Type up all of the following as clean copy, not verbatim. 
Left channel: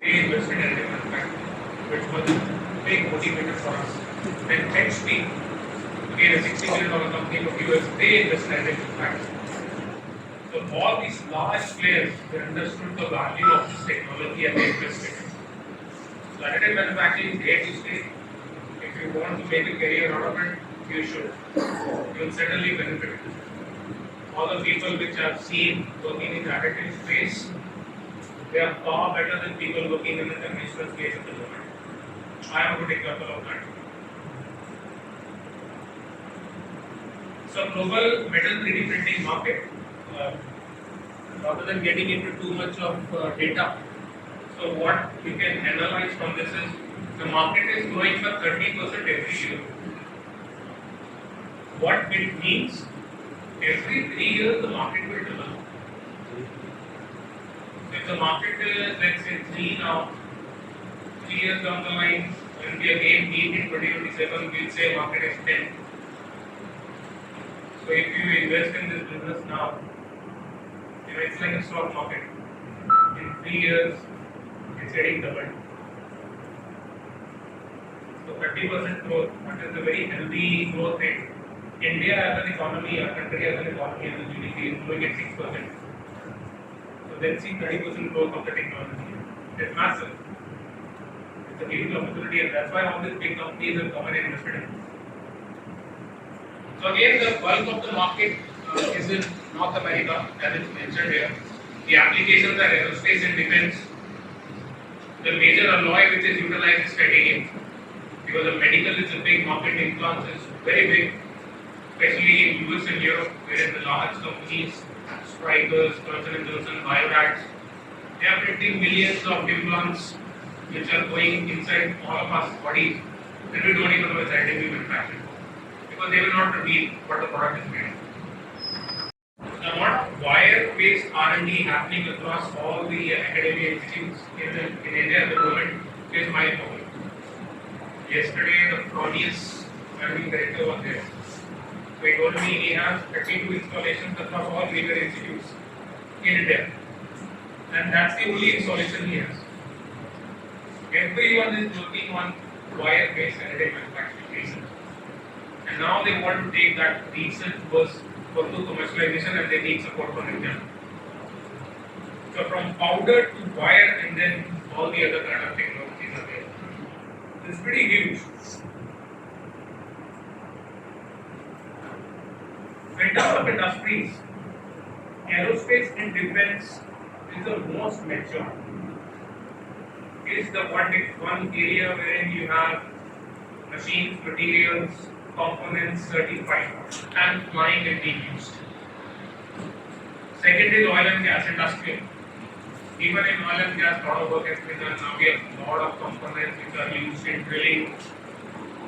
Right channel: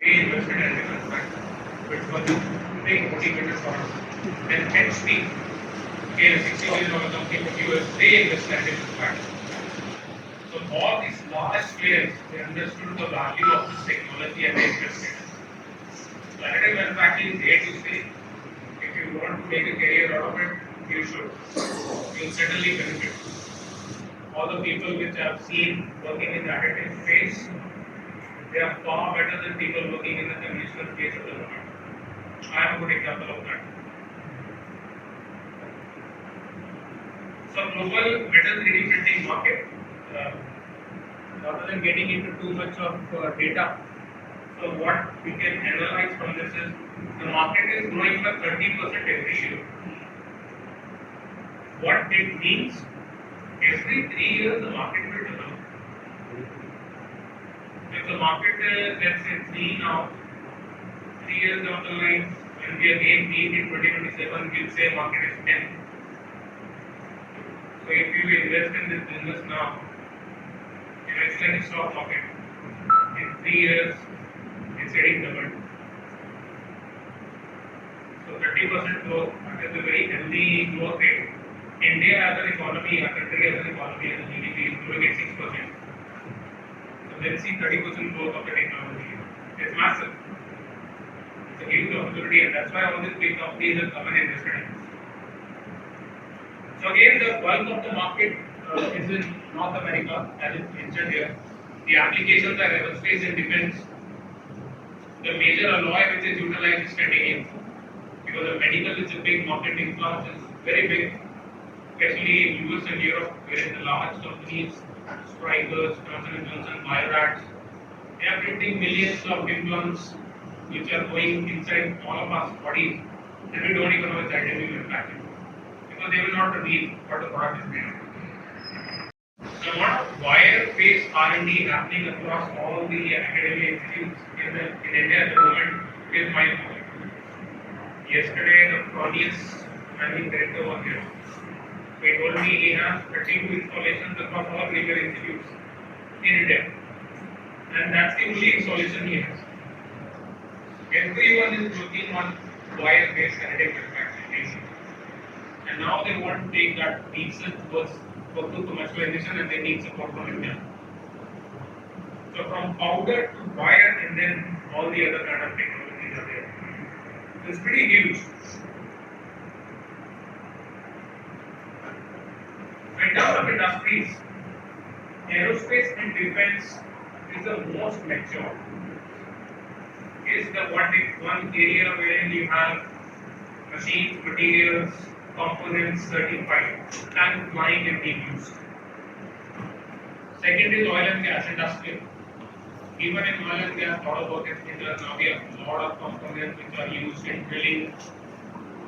they invested in additive manufacturing, which was a big motivator for us. Then HP, again a $60 billion company from US, they invested in additive manufacturing. So all these large players, they understood the value of this technology and they invested. So additive manufacturing is here to stay. If you want to make a career out of it, you should. You will certainly benefit. All the people which I've seen working in the additive space, they are far better than people working in the conventional space at the moment. I am a good example of that. So global metal 3D printing market, rather than getting into too much of data, so what we can analyze from this is the market is growing by 30% every year. What it means, every 3 years the market will double. If the market is, let's say 3 now, 3 years down the line, when we again meet in 2027, we'll say market is 10. So if you invest in this business now, it's like a stock market. In 3 years, it's getting doubled. So 30% growth, that is a very healthy growth rate. India as an economy, our country as an economy, as a GDP is growing at 6%. So then see 30% growth of the technology. It's massive. It's a huge opportunity, and that's why all these big companies have come and invested in. So again, the bulk of the market is in North America, as it's mentioned here. The applications are aerospace and defense. The major alloy which is utilized is titanium, because the medical is a big market, implants is very big, especially in US and Europe, wherein the large companies, Strikers, Johnson & Johnson, Biorax, they are printing millions of implants which are going inside all of our bodies, and we don't even know it's additive manufactured, because they will not reveal what the product is made of. A lot of wire-based R&D happening across all the academic institutes in India at the moment is my point. Yesterday, the Fronius managing director was there. So he told me he has 32 installations across all major institutes in India, and that's the only installation he has. Everyone is working on wire-based additive manufacturing, and now they want to take that research first to commercialization, and they need support from India. So from powder to wire, and then all the other kind of technologies are there. It's pretty huge. So in terms of industries, aerospace and defense is the most mature. It's the one area wherein you have machines, materials, components certified and flying and being used. Second is oil and gas industry. Even in oil and gas, a lot of work has been done. Now we have a lot of components which are used in drilling,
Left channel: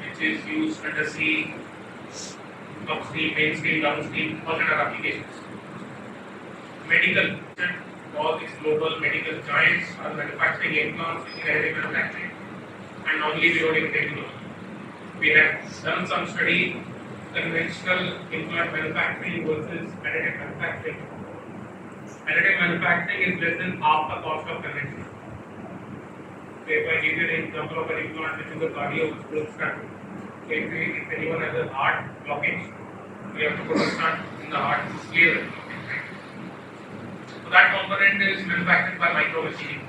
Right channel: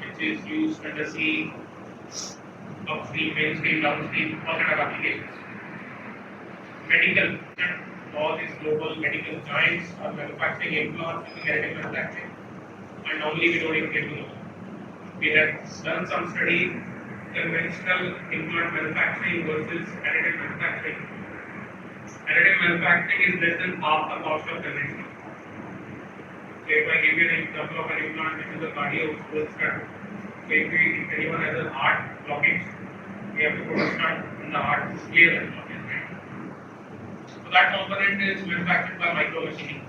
which is used under sea, upstream, mainstream, downstream, all kind of applications. Medical, all these global medical giants are manufacturing implants in additive manufacturing, and normally we don't even take to know. We have done some study, conventional implant manufacturing versus additive manufacturing. Additive manufacturing is less than half the cost of conventional. So if I give you an example of an implant which is a cardio growth stent, so if anyone has a heart blockage, we have to put a stent in the heart to clear that blockage. Right? So that component is manufactured by micro machining.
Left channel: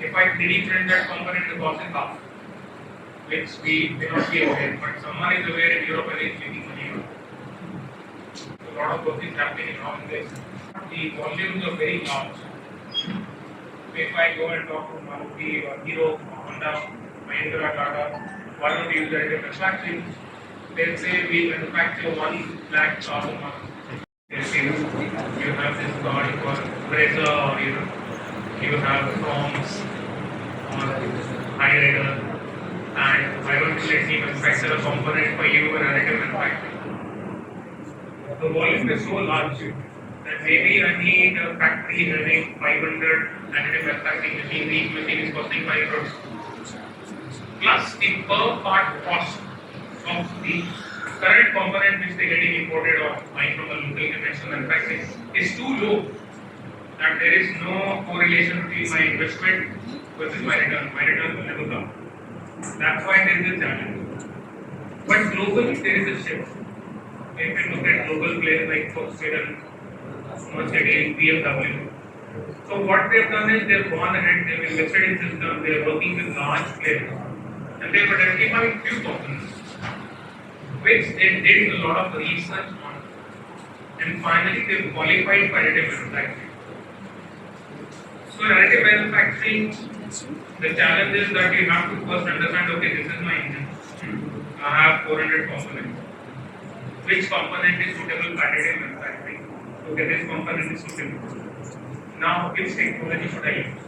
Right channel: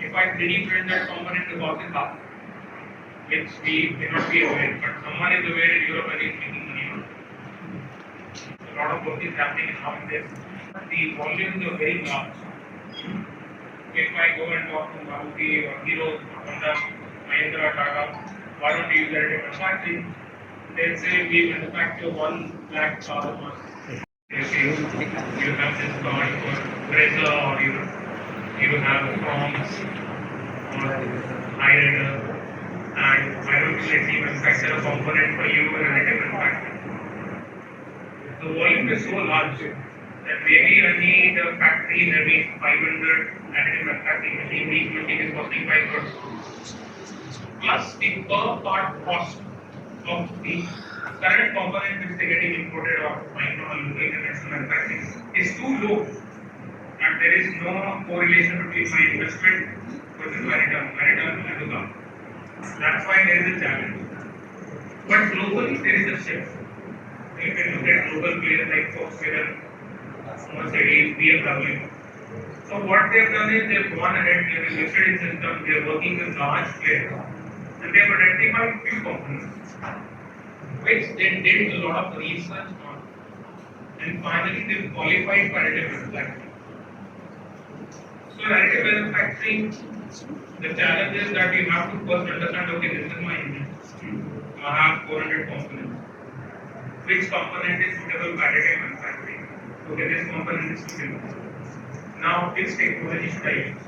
If I 3D print that component, the cost is half, which we may not be aware, but someone is aware in Europe and is making money on it. So a lot of work is happening around this. The volumes are very large. If I go and talk to Maruti or Hero, Honda, Mahindra, Tata, why don't you use additive manufacturing? They'll say we manufacture 1 lakh cars a month. If you have this car for Brezza, or you have Proms or High and I don't actually manufacture a component for you in additive manufacturing. The volume is so large that maybe I need a factory having 500 additive manufacturing machines. Each machine is costing 5 crores. Plus the per part cost of the current component which they are getting imported or buying from a local conventional manufacturing is too low, and they there is no correlation between my investment versus my return. My return will never come. That's why there is a challenge. But globally, there is a shift. If you look at global players like Volkswagen, Mercedes, BMW. So what they've done is they've gone ahead, they've invested in systems, they're working with large players, and they've identified few components, which they did a lot of research on, and finally they've qualified for additive manufacturing. So additive manufacturing, the challenge is that you have to first understand, okay, this is my engine. I have 400 components. Which component is suitable for additive manufacturing? Okay, this component is suitable. Now, which technology should I use?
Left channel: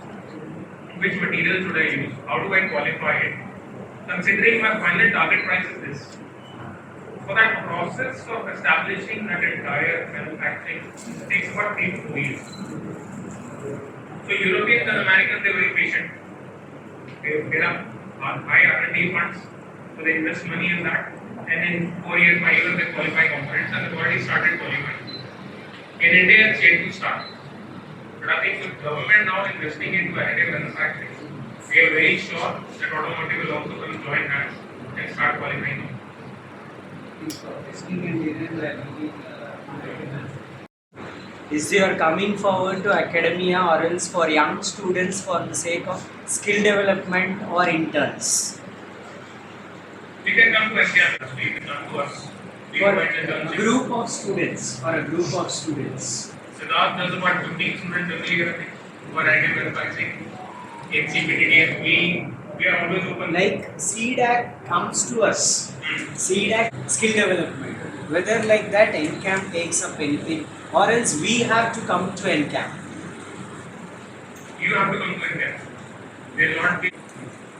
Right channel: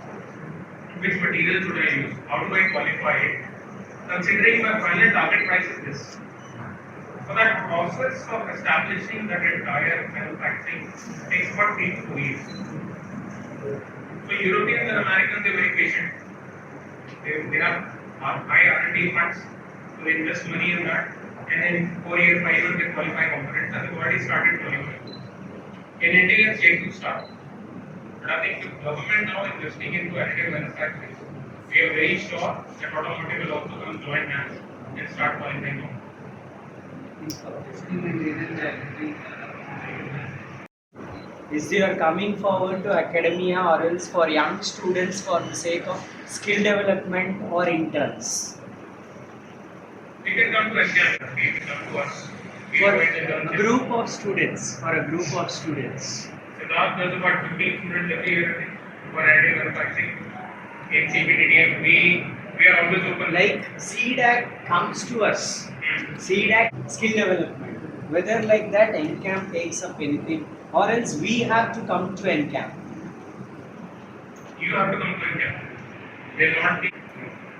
Which material should I use? How do I qualify it? Considering my final target price is this. For that process of establishing that entire manufacturing takes about 3 to 4 years. So Europeans and Americans, they're very patient. They have high R&D funds, so they invest money in that, and in 4 years, 5 years, they qualify components, and they've already started qualifying. In India, it's yet to start. But I think with government now investing into additive manufacturing, we are very sure that automotive will also come join hands and start qualifying now. Is you are coming forward to academia or else for young students for the sake of skill development or interns? You can come to India, you can come to us. For a group of students, Siddharth does about 15 students every year, I think, for additive manufacturing. In CPTDF, we are always open. Like CDAC comes to us, CDAC skill development. Whether like that NCAM takes up anything or else we have to come to NCAM. You have to come to India. They will not be.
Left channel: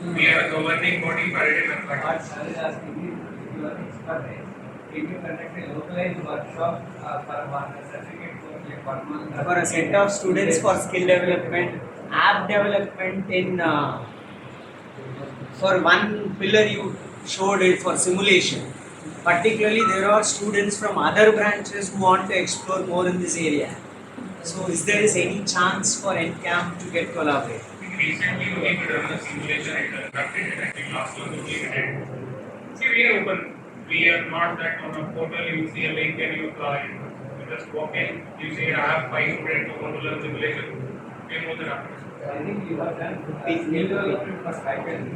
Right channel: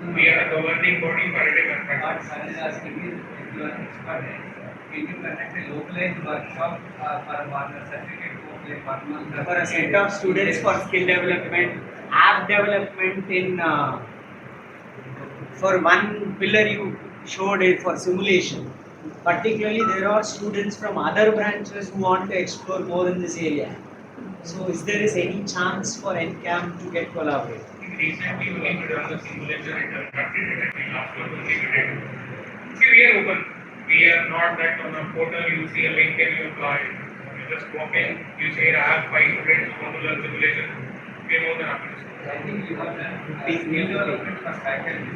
We are a governing body for additive manufacturing. What I is asking is, if you are expert, can you conduct a localized workshop for a certificate course like 1 month? For a set of students for skill development, app development in for one pillar you showed it for simulation. Particularly, there are students from other branches who want to explore more in this area. So, is there any chance for NCAM to get collaborated? Recently, we have done the simulation and conducted it. I think last month we did. See, we are open. We are not that on a portal. You see a link and you apply. You just walk in. You say, I have 5 students who want to learn simulation. We are more than happy. I think you have done skill development for faculty.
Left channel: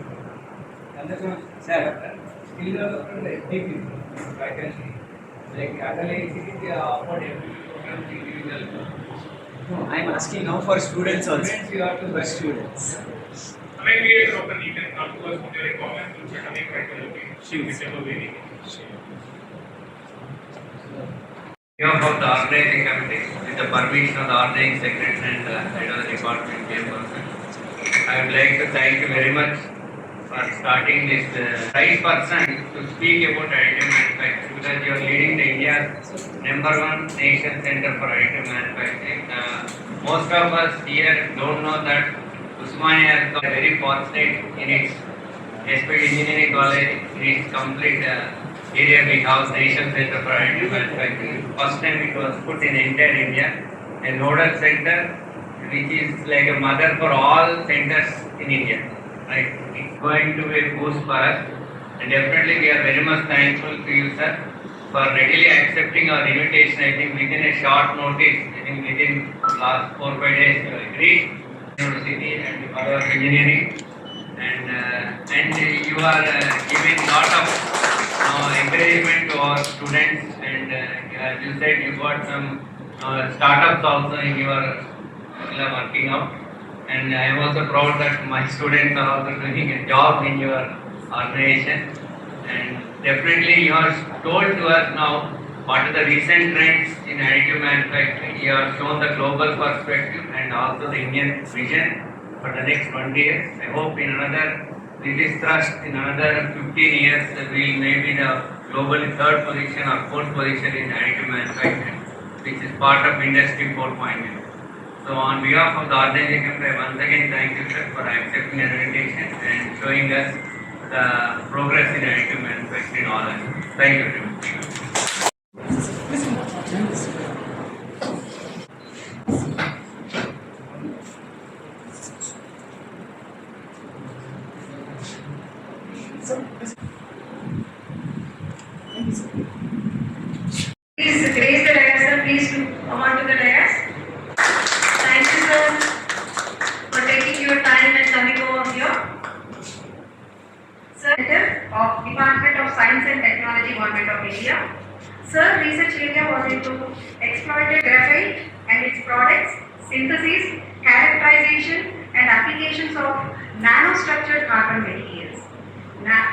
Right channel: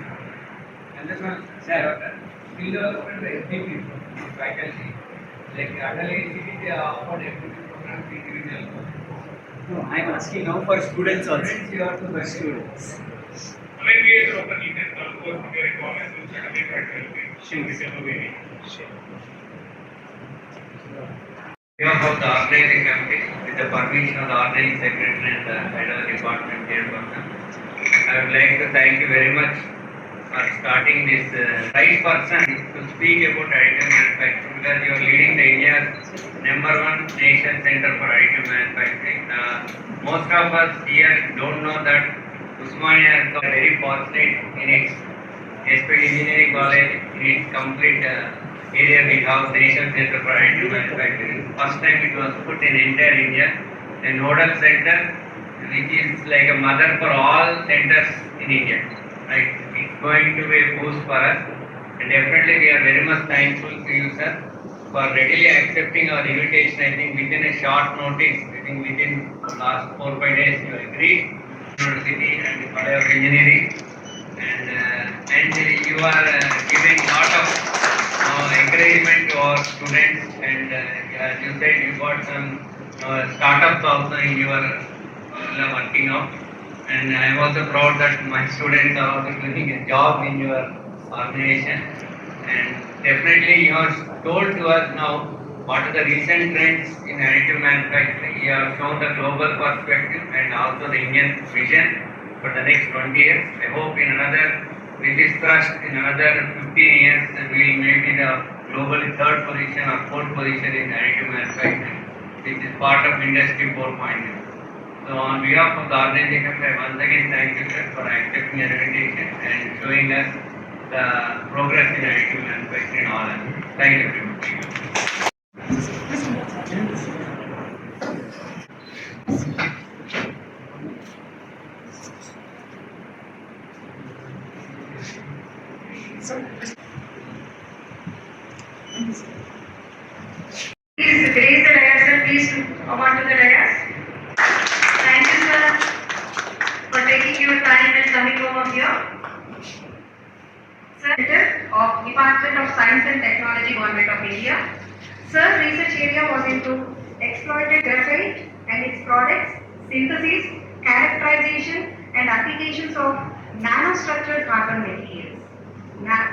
Understand? Sir, skill development for FDP faculty. Like underlying they offered FDP program to individual. No, I am asking now for students also. Students, you have to For students. Maybe it's open. You can come to us with your comments. We'll certainly try to help you. Whichever way. On behalf of the organizing committee, with the permission of the organizing secretary and the head of the department chairperson, I would like to thank you very much for starting this right person to speak about additive manufacturing, because you are leading the India's #1 nation center for additive manufacturing. Most of us here don't know that Usmania is very fortunate in its engineering college, in its complete area we have National Center for Additive Manufacturing. First time it was put in entire India, a nodal center which is like a mother for all centers in India. Right? It's going to be a boost for us, and definitely we are very much thankful to you, sir, for readily accepting our invitation. I think within a short notice, I think within last 4-5 days you agreed University and College of Engineering, and you are giving lot of encouragement to our students, and as you said, you got some startups also in your working out, and I am also proud that my students are also doing a job in your organization, and definitely you have told to us now what are the recent trends in additive manufacturing. You have shown the global perspective and also the Indian vision for the next 20 years. I hope in another, with this thrust, in another 15 years, we will maybe the globally 3rd position or 4th position in additive manufacturing, which is part of Industry 4.0. So on behalf of the organizing committee, I once again thank you, sir, for accepting the invitation and showing us the progress in additive manufacturing in all aspects. Thank you very much. Science and Technology, Government of India. Sir research area was into exploited graphite and its products, synthesis, characterization and applications of nanostructured carbon materials,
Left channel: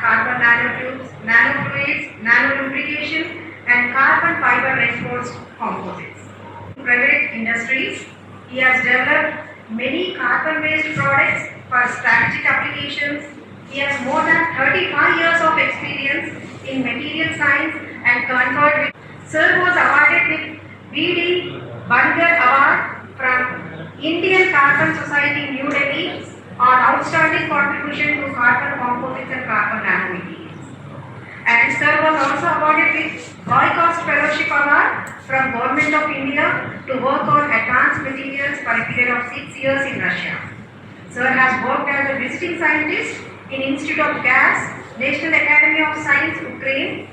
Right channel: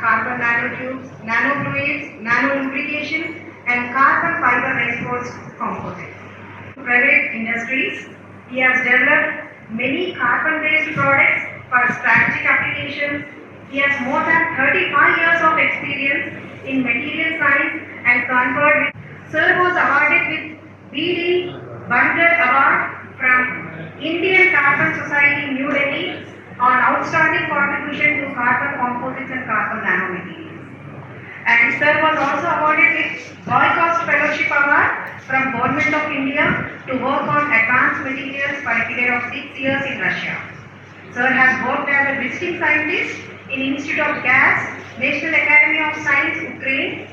carbon nanotubes, nanofluids, nanolubrication and carbon fiber reinforced composites. Private industries, he has developed many carbon-based products for strategic applications. He has more than 35 years of experience in material science and conferred with. Sir was awarded with B.D. Bangar Award from Indian Carbon Society, New Delhi on outstanding contribution to carbon composites and carbon nanomaterials. And Sir was also awarded with Holocaust Fellowship Award from Government of India to work on advanced materials for a period of 6 years in Russia. Sir has worked as a visiting scientist in Institute of Gas, National Academy of Science, Ukraine.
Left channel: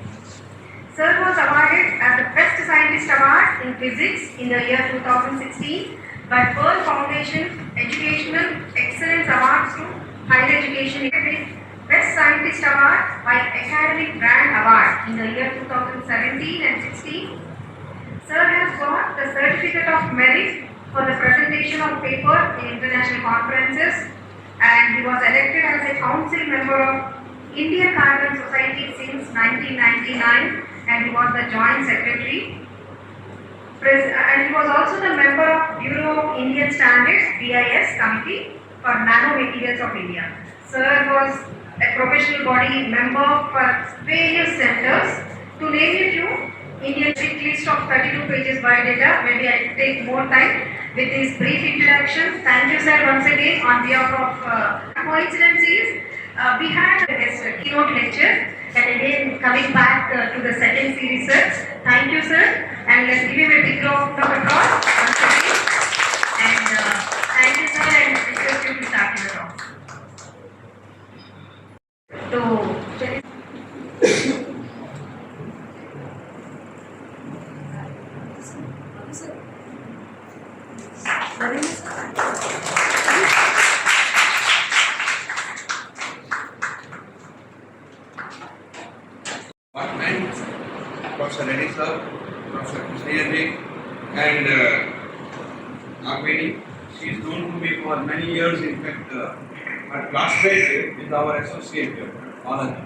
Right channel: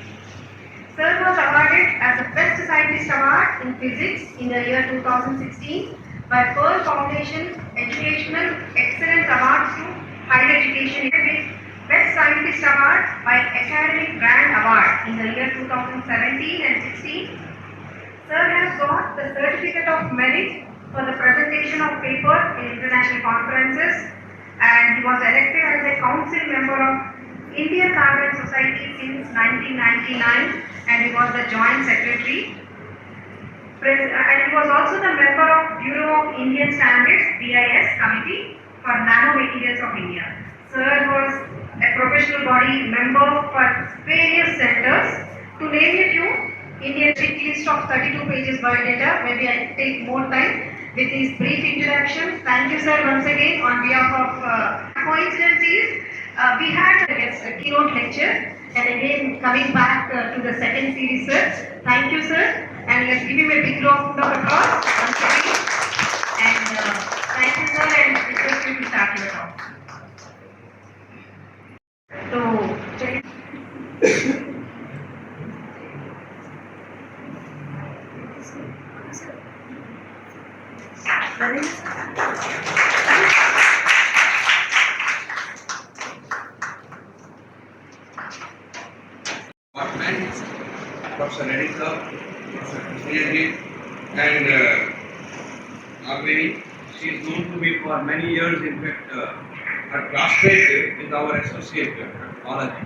Sir was awarded as the Best Scientist Award in Physics in the year 2016 by Pearl Foundation Educational Excellence Awards to Higher Education with Best Scientist Award by Academic Grant Award in the year 2017 and 16. Sir has got the Certificate of Merit for the presentation of paper in international conferences, and he was elected as a council member of Indian Carbon Society since 1999, and he was the joint secretary. And he was also the member of Bureau of Indian Standards (BIS) Committee for Nanomaterials of India. Sir was a professional body member for various centers. To name a few, Indian big list of 32 pages biodata. Maybe I take more time with this brief introduction. Thank you, sir, once again on behalf of. Coincidence is we had a guest keynote lecture, and again coming back to the second series, sir. Thank you, sir, and let's give him a big round of applause once again. And thank you, sir, and request you to start your talk. So. Department, Professor Reddy sir, Professor Krishnaji, and Nagveni. She is known to me for many years. In fact, her classmate with our associate biology.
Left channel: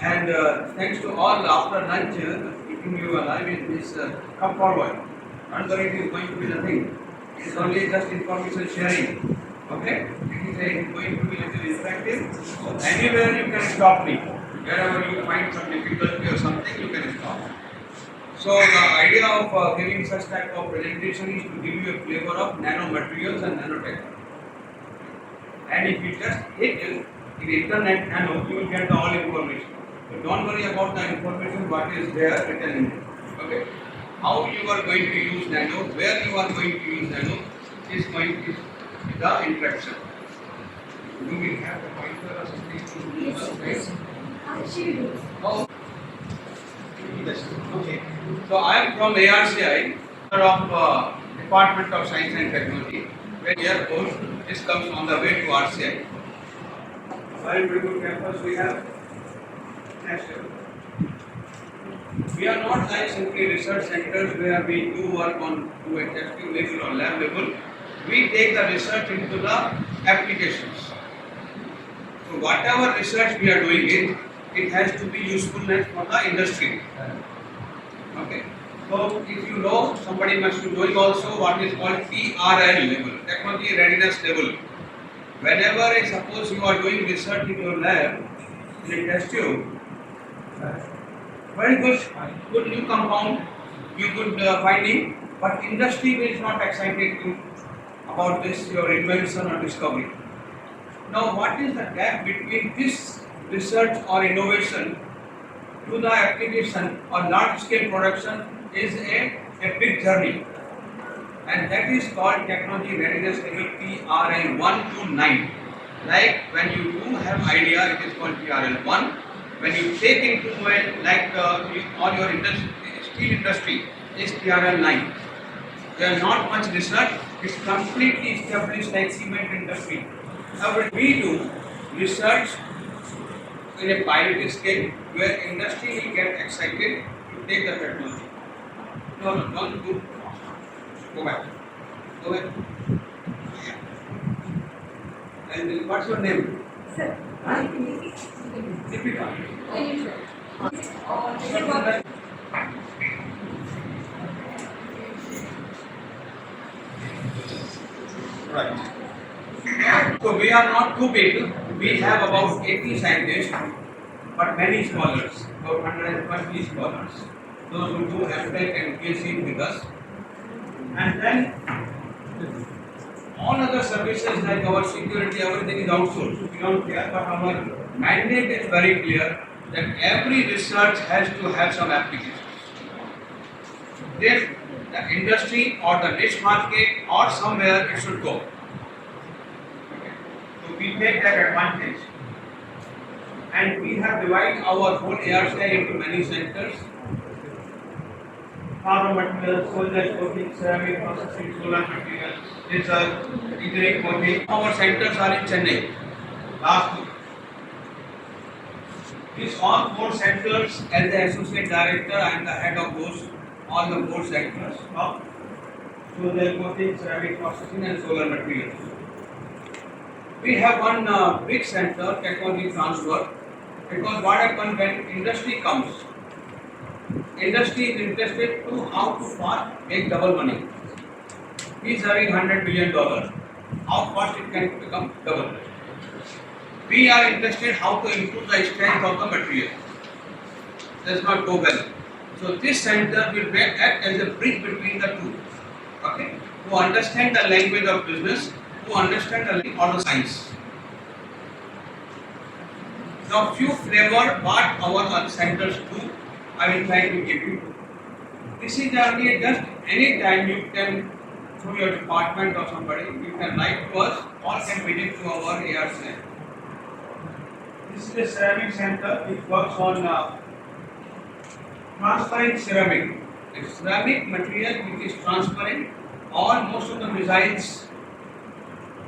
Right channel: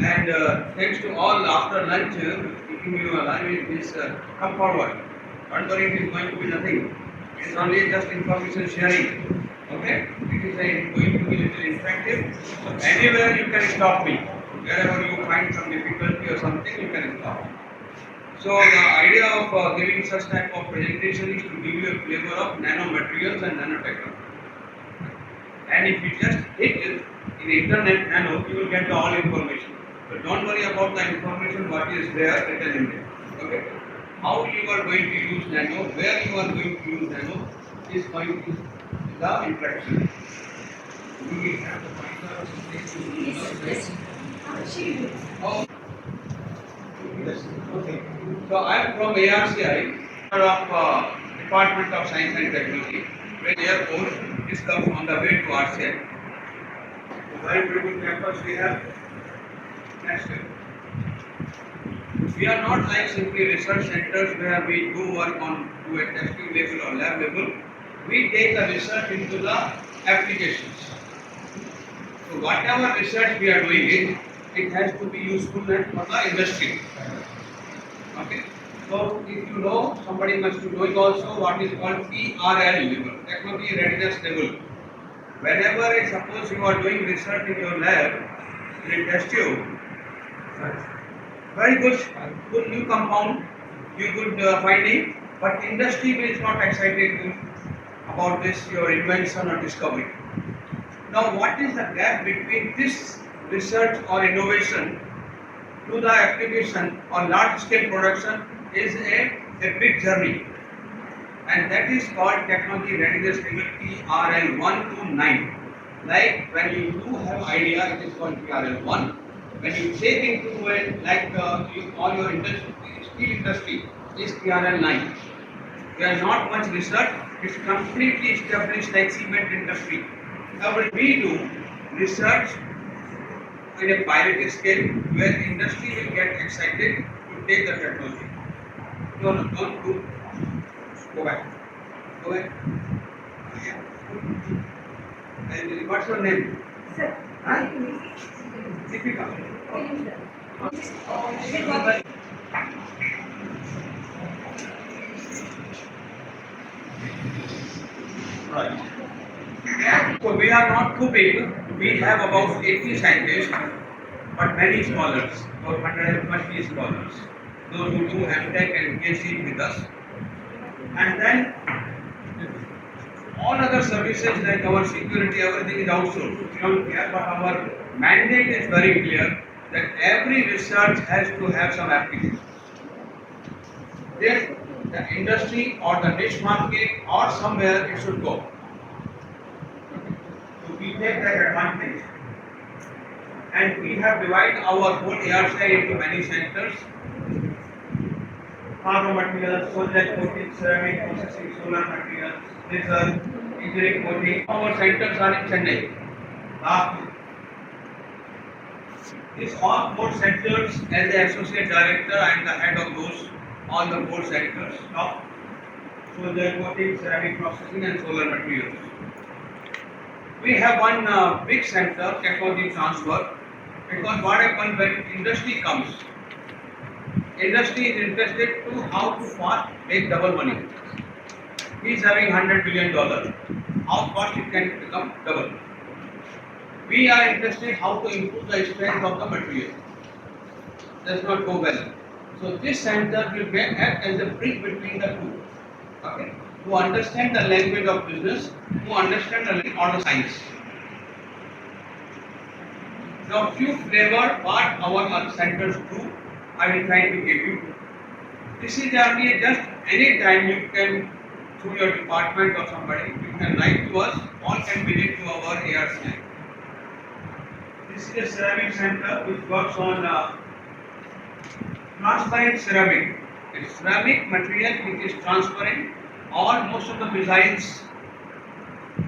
And thanks to all, after lunch, keeping you alive in this, come forward. Don't worry, it is going to be nothing. It is only just information sharing. Okay? It is going to be little interactive. So anywhere you can stop me. Wherever you find some difficulty or something, you can stop. So the idea of giving such type of presentation is to give you a flavor of nanomaterials and nanotechnology. And if you just hit in the internet nano, you will get the all information. But don't worry about the information what is there written in there. Okay? How you are going to use nano, where you are going to use nano is going to be the interaction. Do we have the pointer or something? Yes. Oh. Okay. So I am from ARCI, of Department of Science and Technology, where airport this comes on the way to RCI. Very good campus we have. Next. We are not like simply research centers where we do work on to a testing level or lab level. We take the research into the applications. So whatever research we are doing, it has to be usefulness for the industry. Okay. So if you know, somebody must be knowing also what is called TRL level, technology readiness level. Whenever suppose you are doing research in your lab, in a test tube, very good new compound, you good finding, but industry is not excited about this your invention or discovery. Now what is the gap between this research or innovation to the application or large scale production is a big journey, and that is called technology readiness level TRL 1 to 9. Like when you do have idea, it is called TRL 1. When you take into it, like all your industry, steel industry is TRL 9. There is not much research, it's completely established like cement industry. However, we do research in a pilot scale where industry will get excited to take the technology. No, don't do. Go back. Go back. Yeah. And what's your name? Sir. Huh? Deepika. Right. So we are not too big. We have about 80 scientists, but many scholars, about 120 scholars. Those who do MTech and PhD with us. And then all other services like our security, everything is outsourced. We don't care, but our mandate is very clear that every research has to have some applications. If the industry or the niche market or somewhere it should go. So we take that advantage. And we have divided our whole ARCI into many centers. Pharma materials, solid coating, ceramic processing, solar materials, research, engineering coating. Our centers are in Chennai. Last two. These all 4 centers, as the associate director, I am the head of those, all the 4 centers. Now, solid coating, ceramic processing, and solar materials. We have one big center, technology transfer, because what happens when industry comes, industry is interested to how to fast make double money. He is having $100 billion. How fast it can become double? We are interested how to improve the strength of the material. Does not go well. So this center will act as a bridge between the two. Okay? To understand the language of business, to understand the language of the science. Now, few flavor what our centers do, I will try to give you. This is only just any time you can, through your department or somebody, you can write to us or can visit to our ARCI. This is a ceramic center which works on transparent ceramic. It's ceramic material which is transparent. All most of the missiles,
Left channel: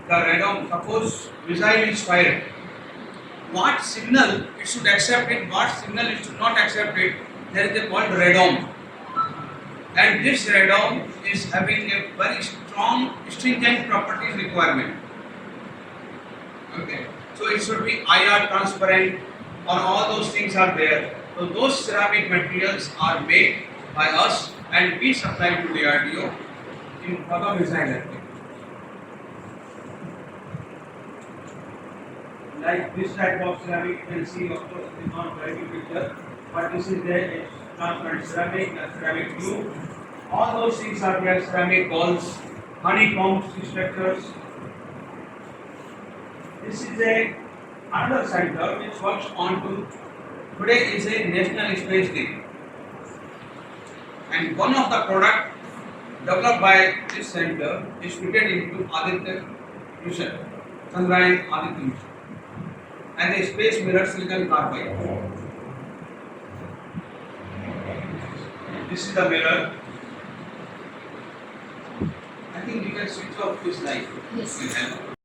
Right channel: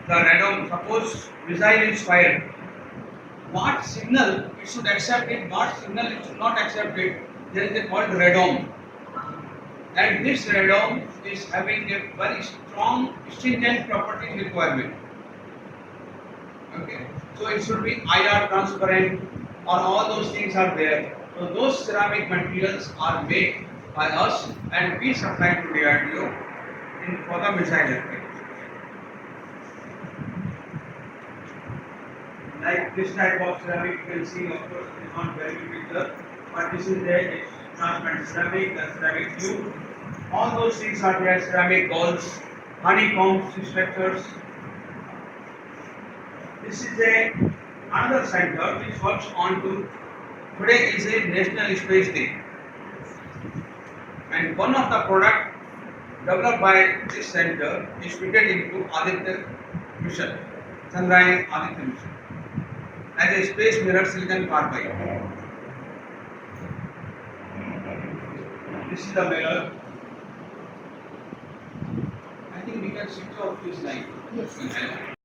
the radome, suppose missile is fired. What signal it should accept it, what signal it should not accept it, there is a called radome. And this radome is having a very strong stringent properties requirement. Okay, so it should be IR transparent or all those things are there. So those ceramic materials are made by us and we supply to DRDO for the missile application. Like this type of ceramic you can see, of course, it is not very good picture, but this is there, it's transparent ceramic, the ceramic tube. All those things are there, ceramic balls, honeycombs, structures. This is another center which works on to, today is a National Space Day. And one of the products developed by this center is fitted into Aditya mission, Chandrayaan Aditya mission, as a space mirror silicon carbide. This is the mirror. I think you can switch off this light. Yes.